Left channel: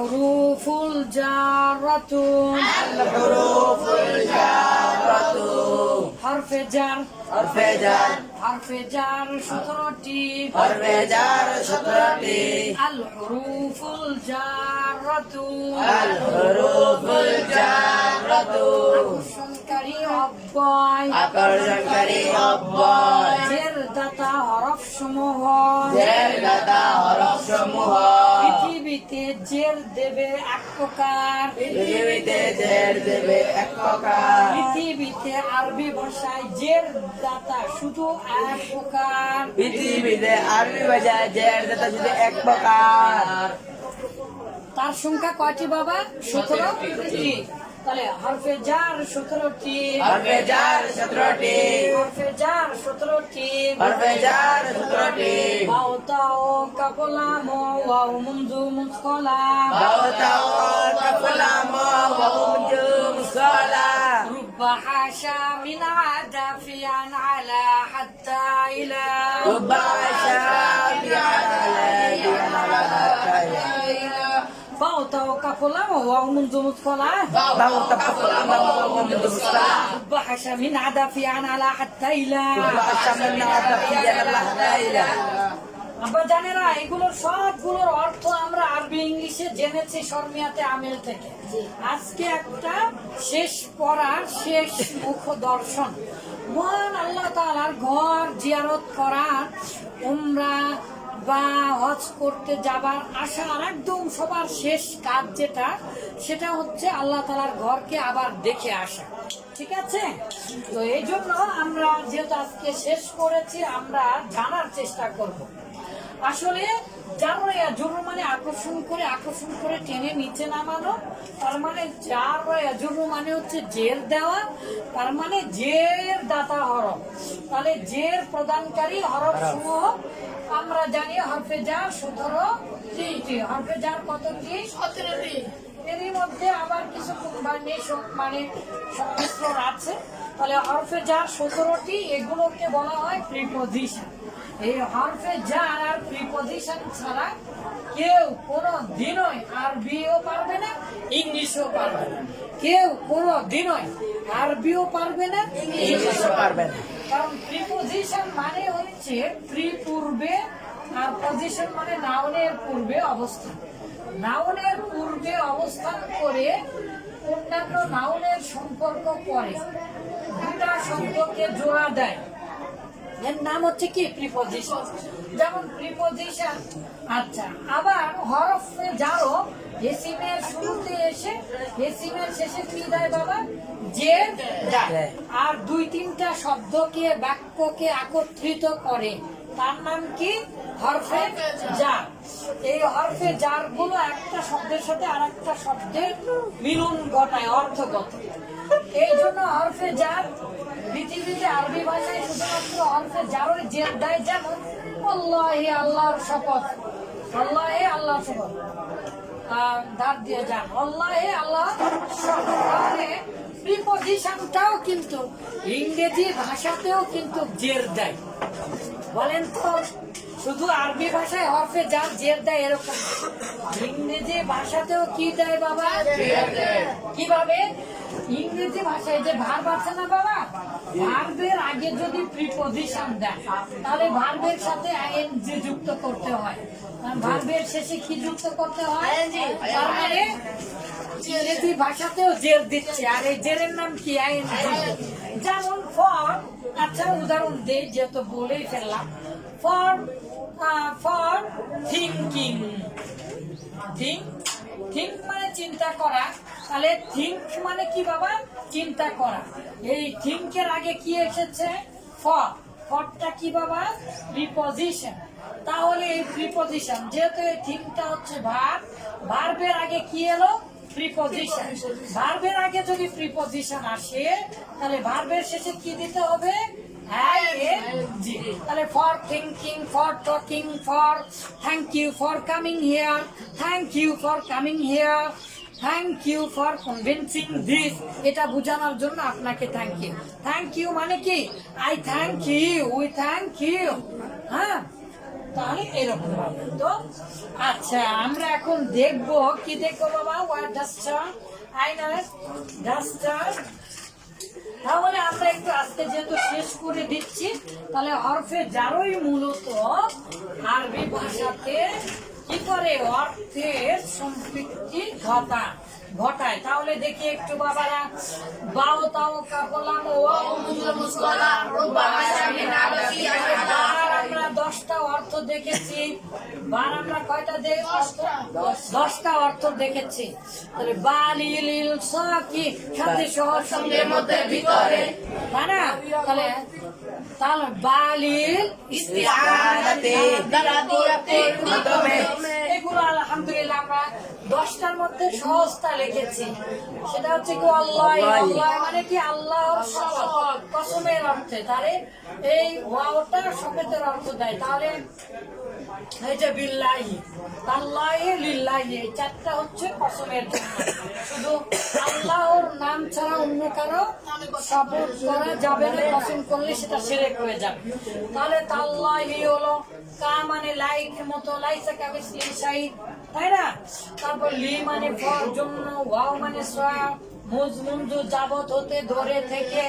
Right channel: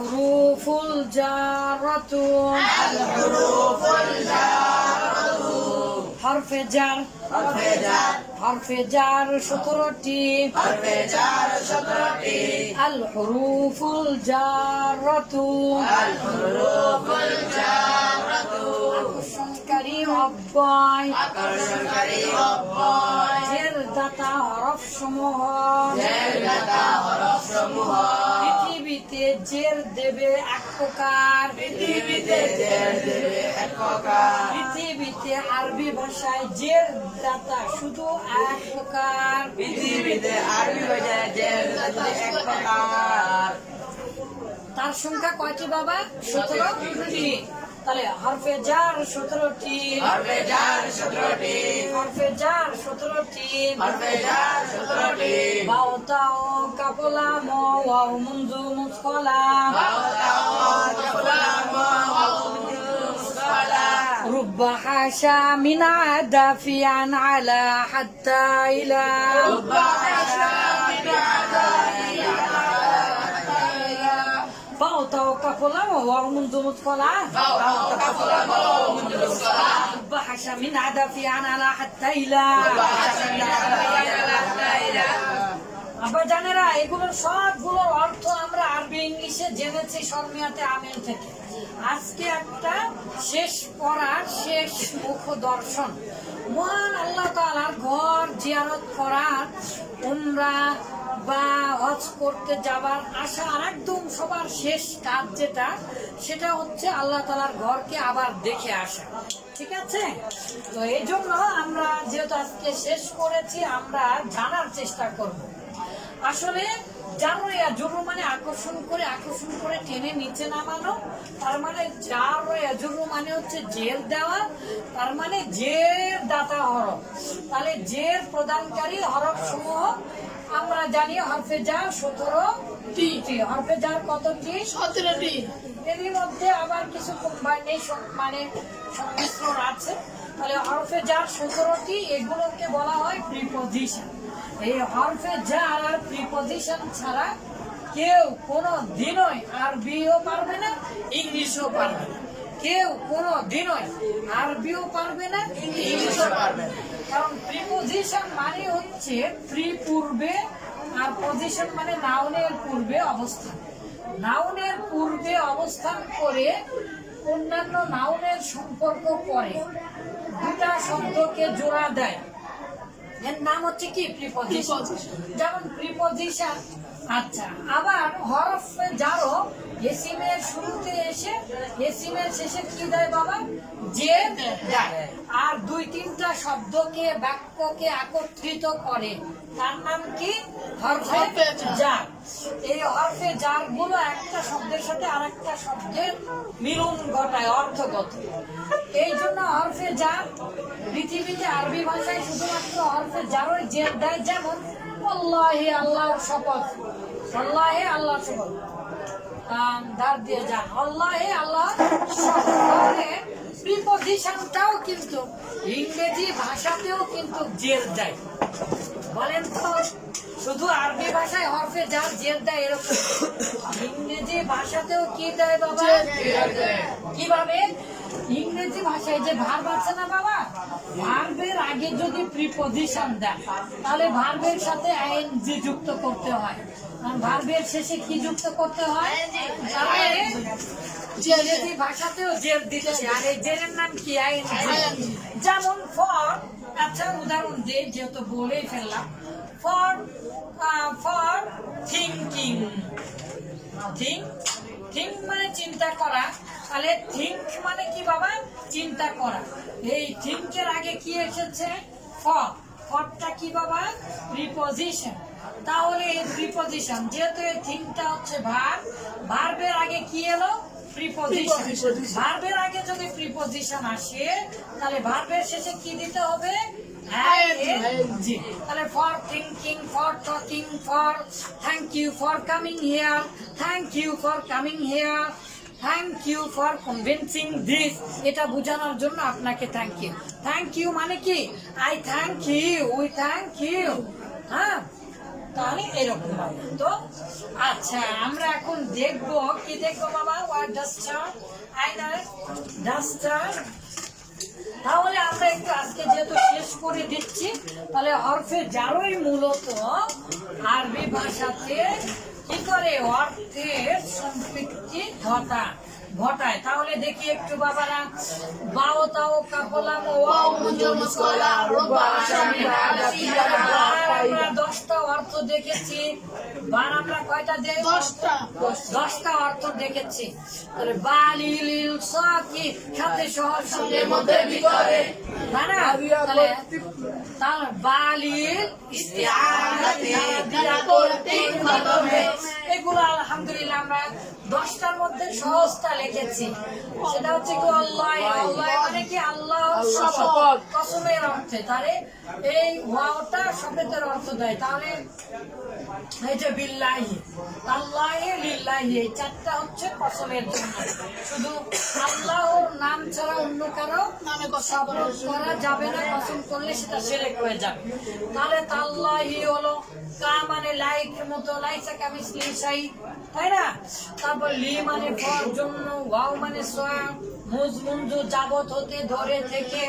الحروف الجارة الحروف الجارة حرف جر حرف جر حرف جر شطرتي حرف جر شطرتي الحروف الجارة الحروف الجارة أكشنكري أباي أكشنكري أباي جردة حرف شمها جردة حرف شمها পৃথিবীতে জের দেবে এক প্রকার। পৃথিবীতে জের দেবে এক প্রকার। পৃথিবীতে আরবি ভাষায় জের দাতা শুধু এক প্রকার। পৃথিবীতে আরবি ভাষায় জের দাতা শুধু এক প্রকার। তার সংখ্যা কয়টি বাবা? সতেরোটি। তাহলে হরফে জার সতেরোটি হরফে জার সতেরোটি হরফে জার সতেরোটি হরফে জার সতেরোটি বাও তাও কাপলা মো ওয়াও মুন্দু মুসকলা رب حاشا من عدافيا على حتى إلى باو تاو كفلا وواو منذ مدخلا رب حاشا من عدافيا على حتى إلى আমরা জানেরা এগুলোর সবগুলোর অর্থ আমরা আরবি ইংলিশে জেনেছি শর্মিয়াতে আমেল থেকে আজকে একটা শেষ পড়া শেষ মুখ দর্শন মহান আল্লাহ তাআলার ঘর জিয়ারত করার উমরা বা হজ করতে যাবার আশা আর একদম সবার শেষ কাজ যেটা, সেটা হচ্ছে আল্লাহ তালার ঘরকে আবার দেখে আসা। ঠিক আছে? তো এই জন্য আমরা যেহেতু আজকে শেষ করেছি, আমরা জানার চেষ্টা করব। আসলে জানো জরু মানে আকর্ষণ করে আকর্ষণ করে টেনে নিচে নামানো, তার মানে যার জরু মানে হচ্ছে জের দেওয়া, তার মানে জের দাতা হরফ তাহলে জের প্রদানকারী হরফ সমূহ আমরা জানি হরফে যার সতেরো টি। হরফে যার কতটি সতেরোটি এরই মধ্যে আবার কিছু মানে সং- মানে সংমিশ্রণ আছে। তাহলে হরফে যার সতেরোটি এগুলোকে বলা হয় প্রিপোজিশন এই হরফে যার আর প্রিপোজিশন ছাড়া কেউ কোনো দিনই আরবিও পারবে না ইংলিশও পারবে না। কেউ কোনো দিনই আরবিও পারবে না, ইংলিশও পারবে না। কারণ প্রিপোজিশন মানে হচ্ছে প্রি পূর্বে আর পজিশন মানে নাউনের পূর্বে অবস্থান। নাউনের পূর্বে অবস্থান করে অন্যান্য নাউনের সম্পর্ক করে। দুটা শব্দকে জোড়া দেয়। এর নাম হচ্ছে কি? প্রিপোজিশন যেমন প্রিপোজিশন আচ্ছা আবার হরফে যারো এসিমের শুরুতে এসে, এসিমের শেষে কি দেয় বাবা? যে দেয়। আর দুই তিনটা শব্দকে বাক্যকে একত্রিত করে। তার নাম কি? হরফে জার। এই হরফে জারগুলো একটা শব্দের সাথে আর একটা শব্দের মিলন ঘটায় অর্থগত এই জন্য হরফে জার পৃথিবীতে আরবি ভাষায় শুধুমাত্র হরফে জারই জের দেয় যেমন, আল্লাহে আল্লাহর শপথ। আল্লাহে আল্লাহর শপথ। ধার দিয়ে যান। আল্লাহে আল্লাহ শপথ। তাহলে প্রিপোজিশনটাও কিন্তু ইংরেজি ভাষাতেও কিন্তু জের দেয়। বলেন তো শুধু আরবি ভাষায় হরফে যার জের দেয় এরকম। ইংরেজি ভাষাতেও কি দেয় বাবা? কীভাবে? ইংরেজি ভাষায় যে ভার্ব আছে না বাবা? ভার্বের আগে যদি প্রিপোজিশন দেয় তাহলে ভার্বের সাথে আইএনজি যুক্ত করতে হয়। ভার্বের শেষে কি যুক্ত করতে হয়? তার মানে ইংরেজি ভাষাতেও জের দিচ্ছে। আর এই জেরের নাম কি? আইএনজি যেমন ফর আচ্ছা উদাহরণ দেই, যেহেতু বলেই ফেললাম। For for thinking think think মানে চিন্তা করা। তাহলে থিঙ্ক মানে কি বাবা? চিন্তা করা। এই থিঙ্কের আগে কি এসেছে? ফর। ফরটা কি বাবা? প্রিপোজিশন তাহলে এই প্রিপোজিশন যেহেতু এই থিঙ্কটা হচ্ছে ভার, ভার্বের আগে কি এলো? প্রিপোজিশন ভার্বের আগে যদি প্রিপোজিশন আসে তাহলে ভার্বের শেষে কি দিতে হবে? তাহলে for thinking for talking for thank you for coming here thank you for coming here thank you for convincing this এটা বোঝানোর জন্য আপনাকে থ্যাংক ইউ থ্যাংক ইউ মানে কি? I thank you we thank you হ্যাঁ? তাহলে এরকম হবে। তো আচ্ছা আমরা এখন দেখব কি দেখব বাবা? ওয়ার ডাস্টার আইনার ডাস্টার তাহলে আমরা একটু আজকে যেহেতু শেষ করে দিচ্ছি, তাহলে হরফে যারই মূলত আরবি ভাষাতে কি করে? অর্থের সম্পৃক্তি ঘটা ঘটায়। তাহলে দেখি একটু বাবারা। বাও তাও কাপলাম আমরা দশটা অর্থ দেখেছি। বার আমরা কয়টা দশটা। অর্থ দেখেছি। তাহলে সাকি সাথে সহজ সঙ্গে মধ্যে ভিতরে। তাই না? তাহলে এগুলো আলহামদুলিল্লাহ আমরা দশটার মধ্যে সহজটা লিখেছি। সেটা হচ্ছে কি, আল্লাহ আল্লাহ। মানে কি, আল্লাহ শপথ কসমের অর্থে। তাহলে এই ওয়াওটা শপথের অর্থ দেয়। তাহলে এই যে বিল্লাহি লিল্লাহি, এই চারটা হচ্ছে কসমের জন্য। শুধু আল্লাহর নাম ছাড়া অন্য কারও শপথ করা যাবে না, কসম করলে সেটা সেরেক হয়ে যাবে। তাহলে তাল্লাহি হলো কা মানে লাইকের মতো লাইসা কামিসলি সাই তাই না? তারপর লি মানে ফর জন্য, ওয়াও মানে সোয়া মুজ মুঞ্জু যাবত হতে ধরে থেকে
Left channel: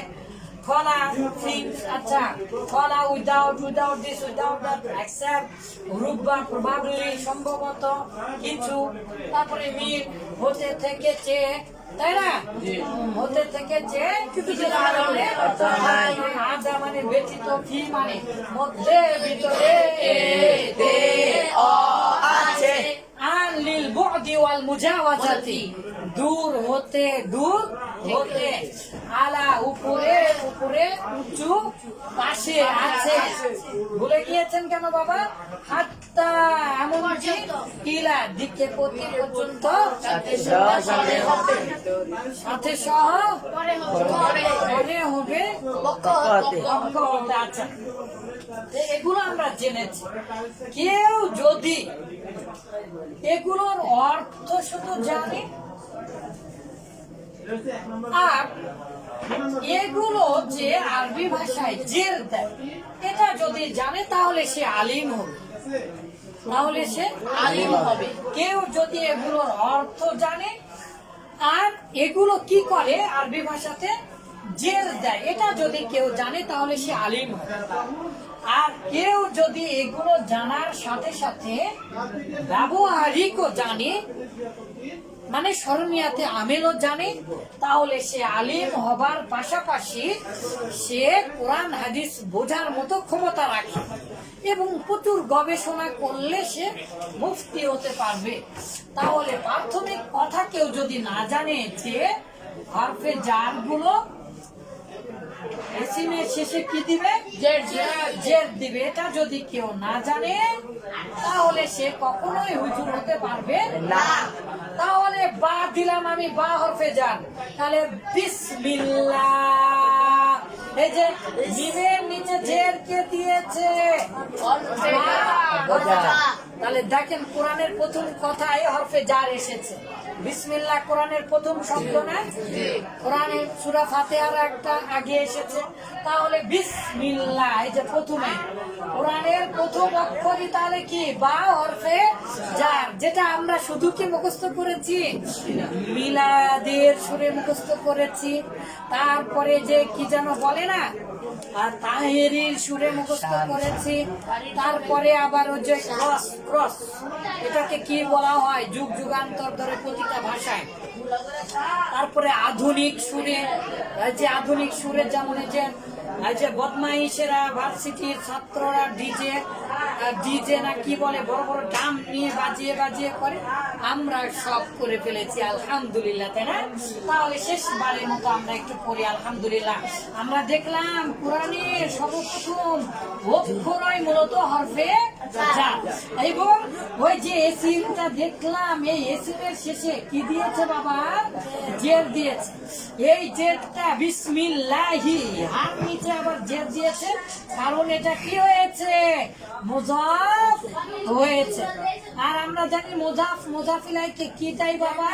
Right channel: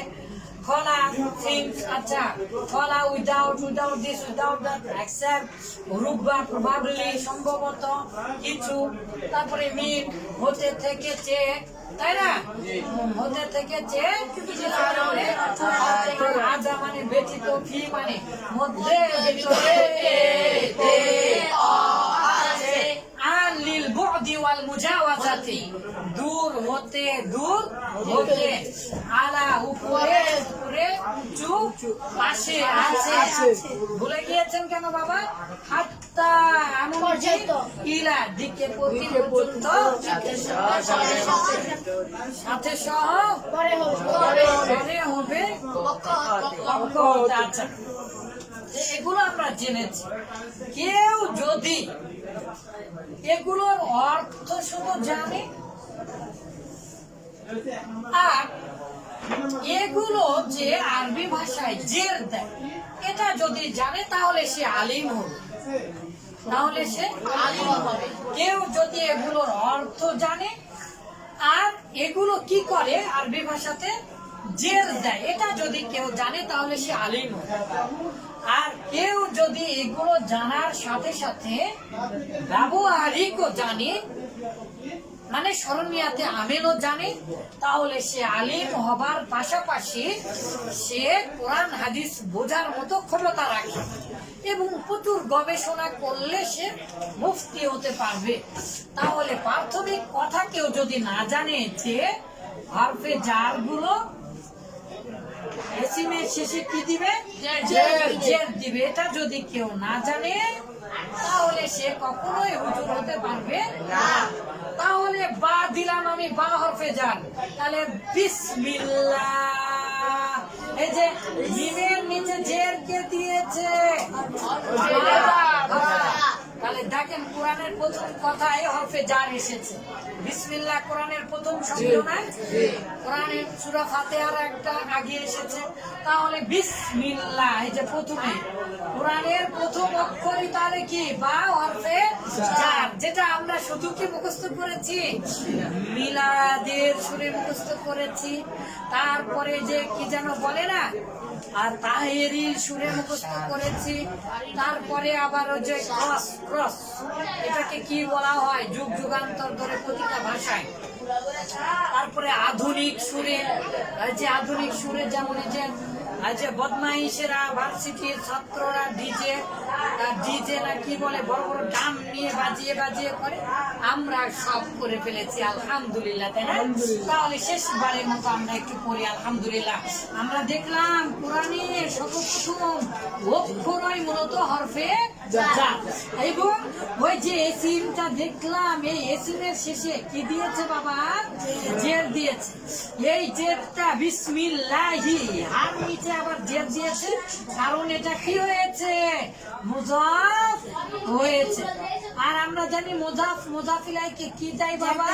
খোলা থিংস আচ্ছা খোলা without without this without that accept Ruba probably সম্ভবত কিছু। তারপরে মিট হতে থেকে চেয়ে তাই না? হতে থেকে চেয়ে আজা মানে ব্যতীত ফি মানে মধ্যে ভিতরে বুদি ওয়াল মুজাওয়াজাতি। দূর হতে দূর হতে আলা উপরে উপরে উঁচু পাশে আছে। ভুলে গিয়েছেন কেন বাবা? হাত্তা এমন যে ইলা দিকে প্রতি পর্যন্ত সাথে সহ পরে হবে আচ্ছা। এগুলো আমরা জেনেছি। কেউ যদি এগুলোর অর্থ শুধু জানে? আর এগুলো যে আরবি ভাষায় জের দেয়, এটা যদি জানে তাহলে সে আলিম হবে। তাহলে সে আলিম হবে। কেউ যদি এগুলোর অর্থ জানে, আর এগুলো কি করে আরবি ভাষাতে? জের দেয়। এটা যদি কেউ জানে, তাহলে সে আলিম হবে। আর কেউ যদি এগুলো জানার সাথে সাথে ব্যবহারিকও জানে মানে স্মরণীয়াতে আমিনও জানে, তাহলে সে আলিম হবার পাশাপাশি সে কোরআন, হাদিস বোঝার মতো ক্ষমতা রাখে এবং প্রচুর গবেষণা করলে সে মুফতি হতে পারবে। তাহলে প্রাথমিক কথা কেউ যদি না জানে যে হরফে জার গুলো এসিমের শেষে কি দিবে? জের দিবে। এটা যদি কেউ না জানে তাহলে সে কখনোই হুজুর হতে পারবে না। তাহলে বা দিলাম আমি বা হরফে যান। তাহলে বিসমিল্লাহ। এই যে মিমের নিচে জের কে দিয়েছে। তাহলে দেখেন কোরআনের প্রথম কথায় হরফে জার এসেছে। বিসমিল্লাহ কোরআনের প্রথম শব্দ না কোরআনের সুরা ফাতেহার একটা আগে এসেছে। তাহলে বিসমিল্লাহ এই যে প্রথমে। কোরআনের প্রথম অক্ষরই তাহলে কি? বা হরফে জার যেটা আমরা শুধু কি মুখস্থ করেছি। মিলাদের সুরে মুখস্থ করেছি। তারপরে যে কি যেন বলে না? আর তাহেরির সুরে মুখস্থ করেছি। তারপরে আবার ওই যে ক্রস ক্রস এটাকে কি বলা হয়? যুগ, যুগান্তর ধরে প্রতিটা ভাষায়। তারপরে আধুনিক সুরে যে আধুনিক সুরে যেমন যে যে বদমাইশেরা ভার্সিটির ছাত্ররা ডিজে ডিজে না কি বলে বড় বড় ডাম নিয়ে বাজিয়ে বাজিয়ে করে আমরা সব করে ফেলেছি আলহামদুলিল্লাহ তাই না তাহলে শেষবারের মতো আমরা একটু পড়ি আলহামদুলিল্লাহ আমরা দেখলাম কোরআনের সর্বপ্রথম অক্ষরই মূলত হরফে। এবং ওই যে এসিমটা দেখলাম, এই এসিমের শেষে কি দিয়েছে বাবা? জের দিয়েছে। এই জেরটা বিসমিল্লাহি। আর নিচে আবার জের দিয়েছে, কারণ এটা কি হয়েছে? মুজাফ হয়েছে। আর আমরা জানি মোজাফ মুজাফিলাইকে কি দেয় বাবা।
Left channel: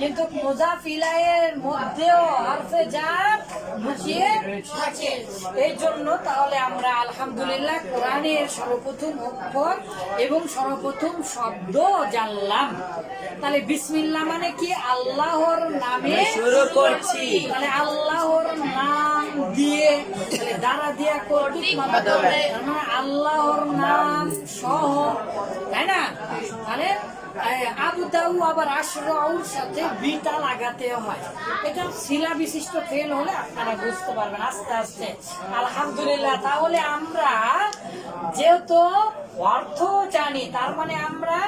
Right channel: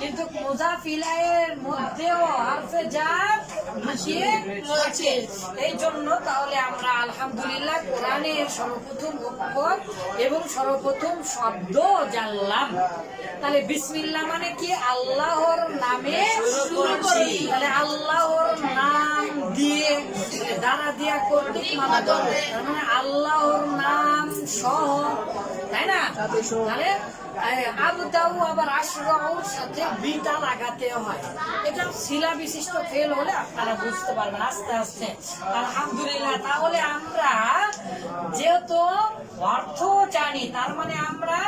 কিন্তু মুজাফিলাইয়ের মধ্যেও হারফে জার লুকিয়ে থাকে এই জন্য তাহলে আমরা আলহামদুলিল্লাহ কোরআনের সর্বপ্রথম অক্ষর এবং সর্বপ্রথম শব্দ জানলাম। তাহলে বিসমিল্লাহ মানে কি? আল্লাহর নামে শুরু করছি। তাহলে আল্লাহর নাম দিয়ে দ্বারা দিয়া কর্তৃক তার মানে আল্লাহর নাম সহ তাই না? তাহলে এই আবু দাউ আবার আশরাউর সাথে বিটা লাগাতে হয়। এটা শিলা বিশিষ্ট ফেল হলে আপনারা বুঝতে পারবেন আস্তে আস্তে। আলহামদুলিল্লাহ তাহলে আমরা যেহেতু অর্থ জানি তার মানে আমরা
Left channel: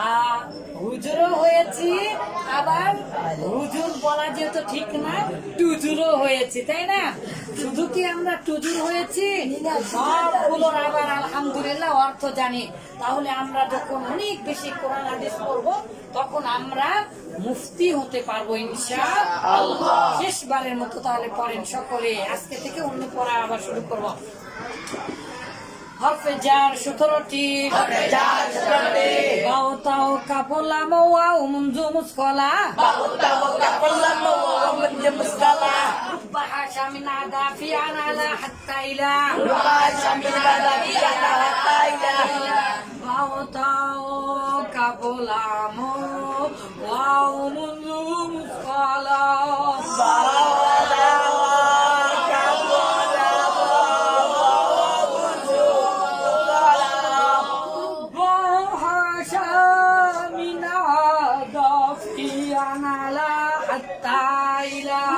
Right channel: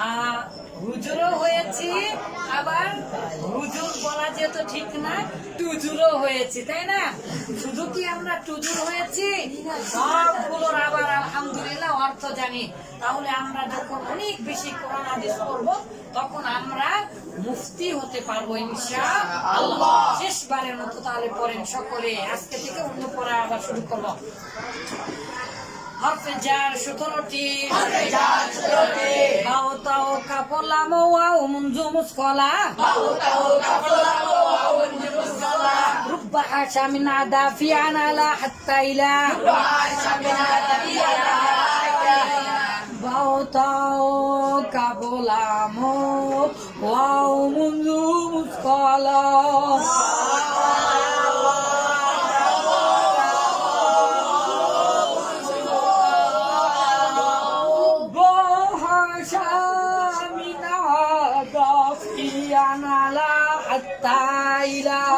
আহ, হুজুরও হয়েছি, আবার হুজুর বলা যেহেতু ঠিক না, টুজুরও হয়েছি, তাই না? শুধু কি আমরা টুজুর হয়েছি? সবগুলোর আবার আলহামদুলিল্লাহ, অর্থ জানি। তাহলে আমরা যখন অনেক বেশি কোরআন হাদিস পড়ব, তখন আমরা মুফতি হতে পারব ইনশা আল্লাহ শেষবারের মতো তাহলে পড়েন সকলে। আজকে থেকে অন্য পড়া আবার শুরু করব। হরফে যার সতেরোটি। وكا بولا موا ومن جمس كولا باوكا وكا بولا موا ومن جمس كولا رب حاشا من عدافي أنا لا حتى إلى رب حاشا من عدافي أنا لا حتى إلى باوتاو كابولا مو واو من جمس كولا Aida.